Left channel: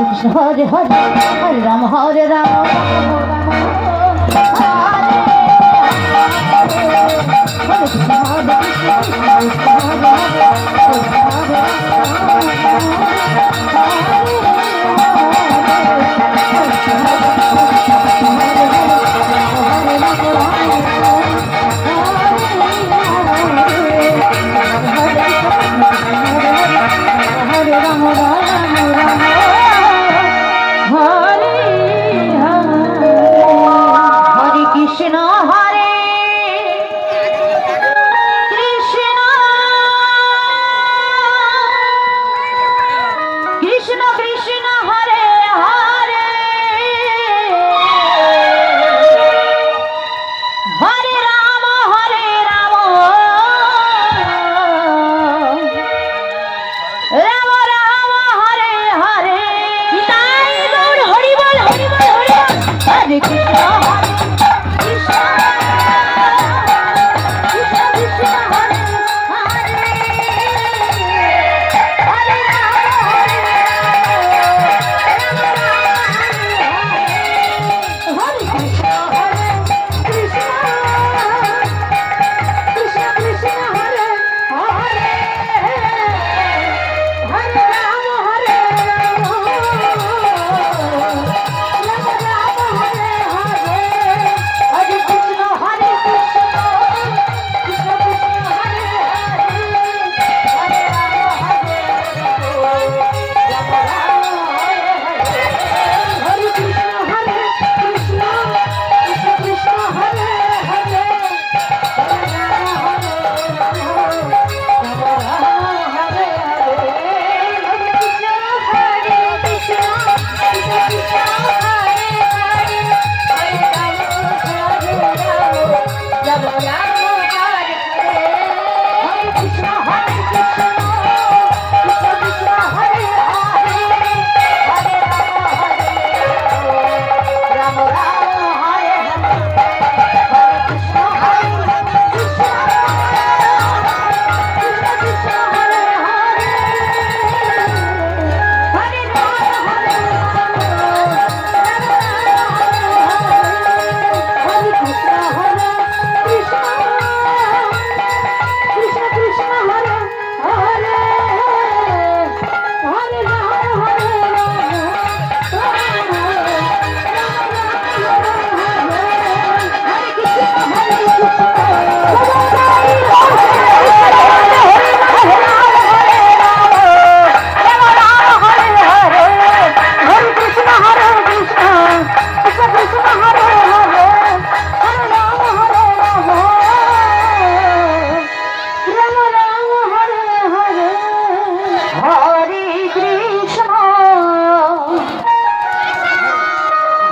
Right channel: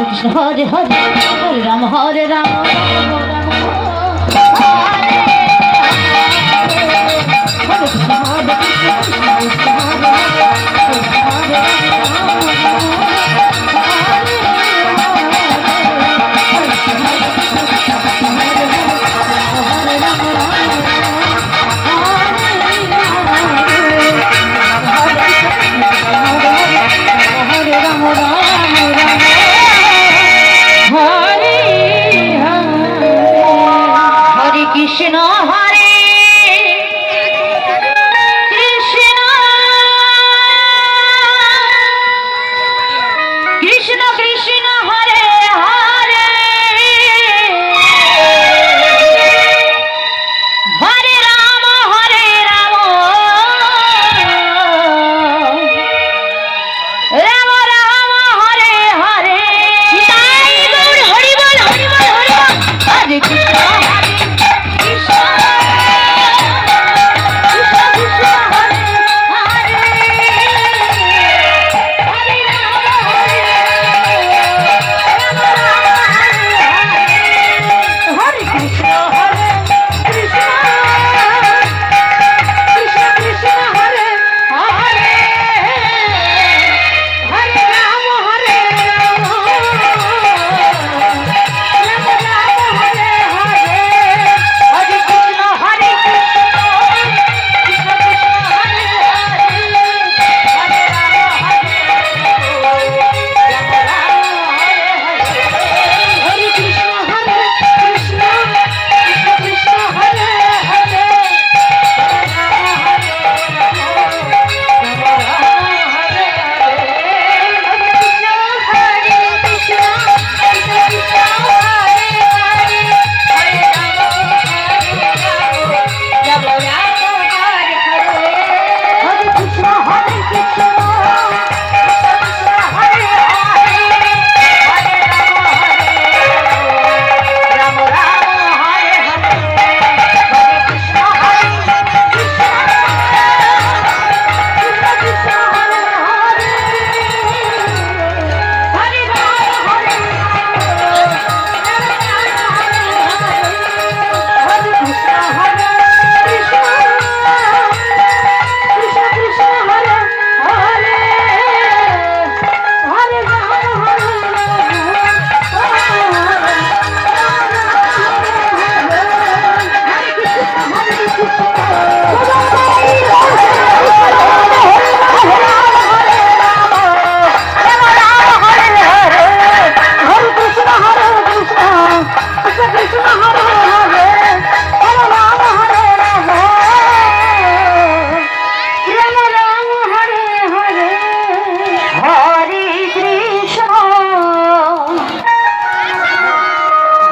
কৃষ্ণ হরে হরে হরে রাম হরে রাম রাম রাম হরে কৃষ্ণ হরে কৃষ্ণ কৃষ্ণ হরে হরে কৃষ্ণ হরে কৃষ্ণ কৃষ্ণ কৃষ্ণ হরে হরে হরে রাম রাম রাম হরে হরে তাই গৌর হরি বল হরি বল হরি বল হরে Krishna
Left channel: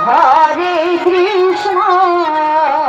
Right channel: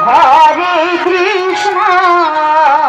Hare Krishna